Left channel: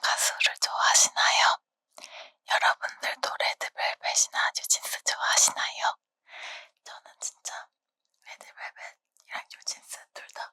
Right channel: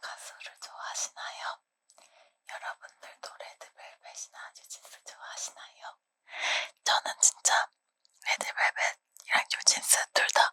가수를 좋아하시나요? 여러분들도 레드벨벳이나 뉴진스 좋아하시나요? 저는 진짜 레드벨벳이랑 뉴진스 둘 다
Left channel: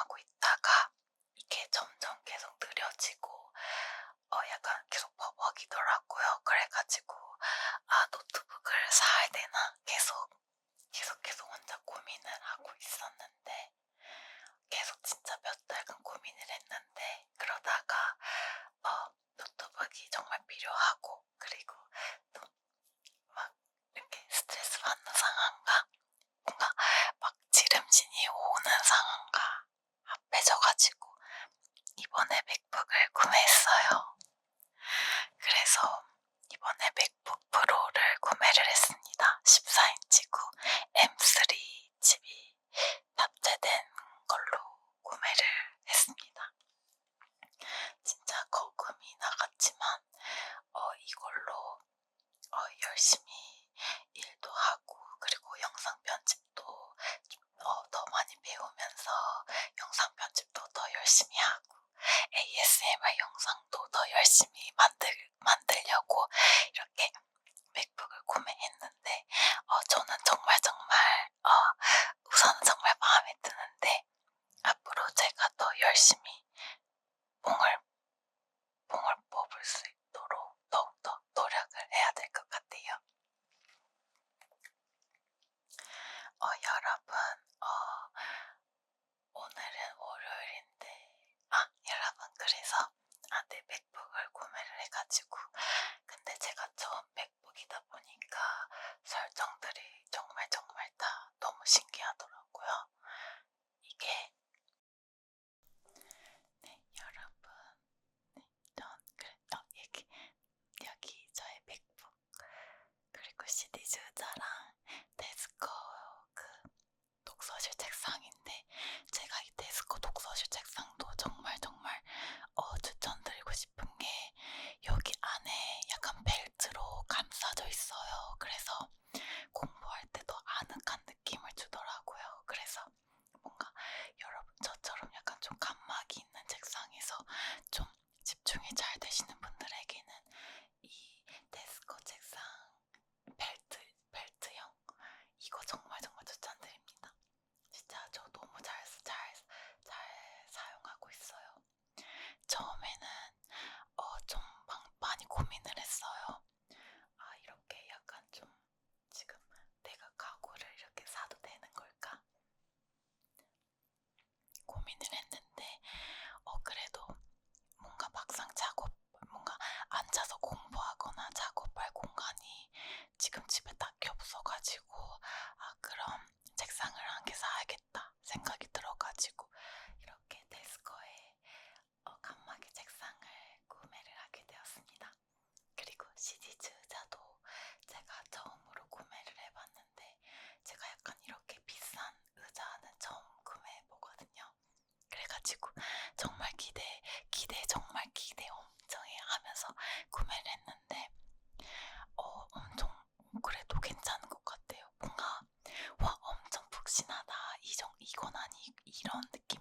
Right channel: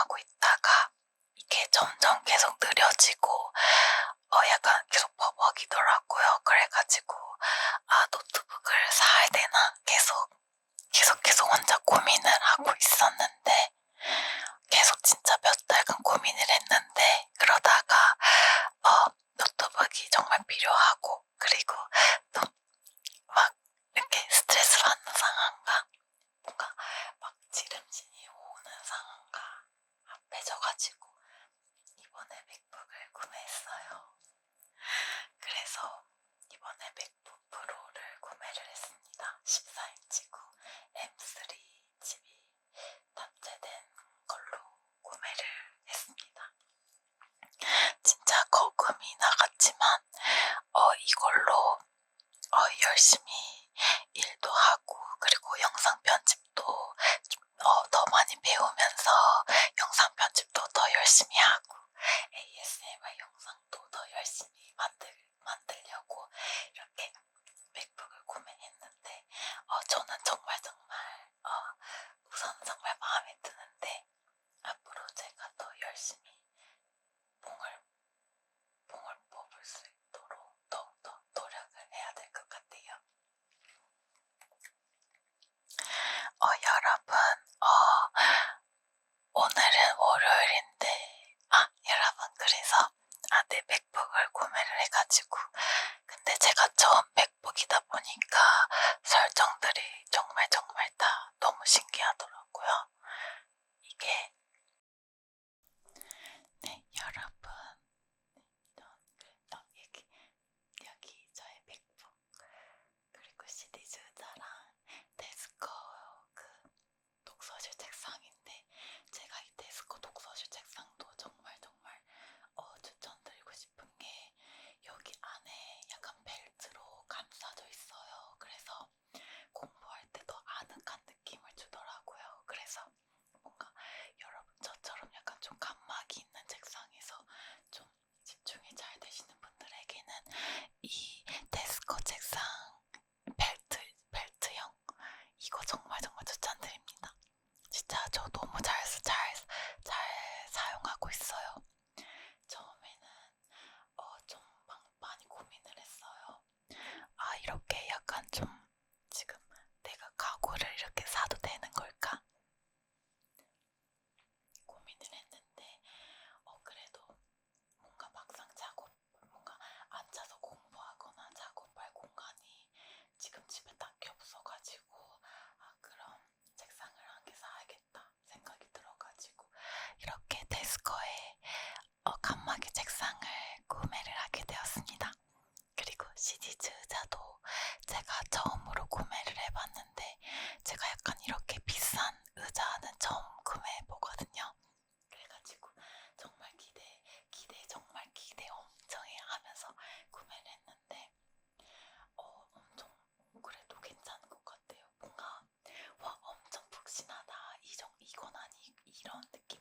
하고 있다 했는데 어, 엄청 그래도 괜찮은 것 같아요. 뭔가 와 엄청 푹신하다 이정 이건 아니 이런 느낌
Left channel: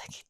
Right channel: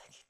second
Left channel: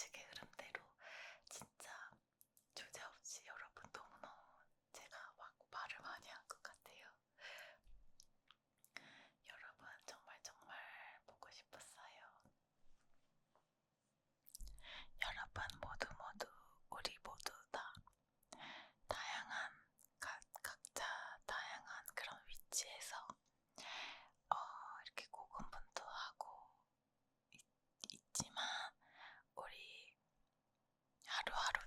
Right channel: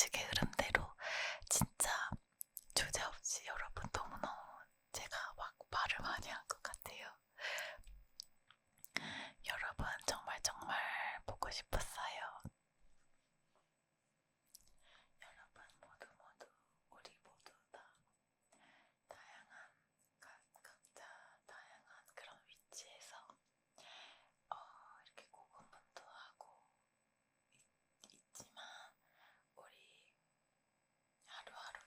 진짜 의식의 흐름대로 진짜 주제 없이 여러분 너무너무 제가 막 말을 많이 한 것 같아요. 여러분 정말 정말 보고 싶었어요. 여러분 모두 모두 우리 모두 다 다양한 각, 각자 다양한 그런 위치에서 어, 이렇게 고군분투하고 있, 있지만 우리 하루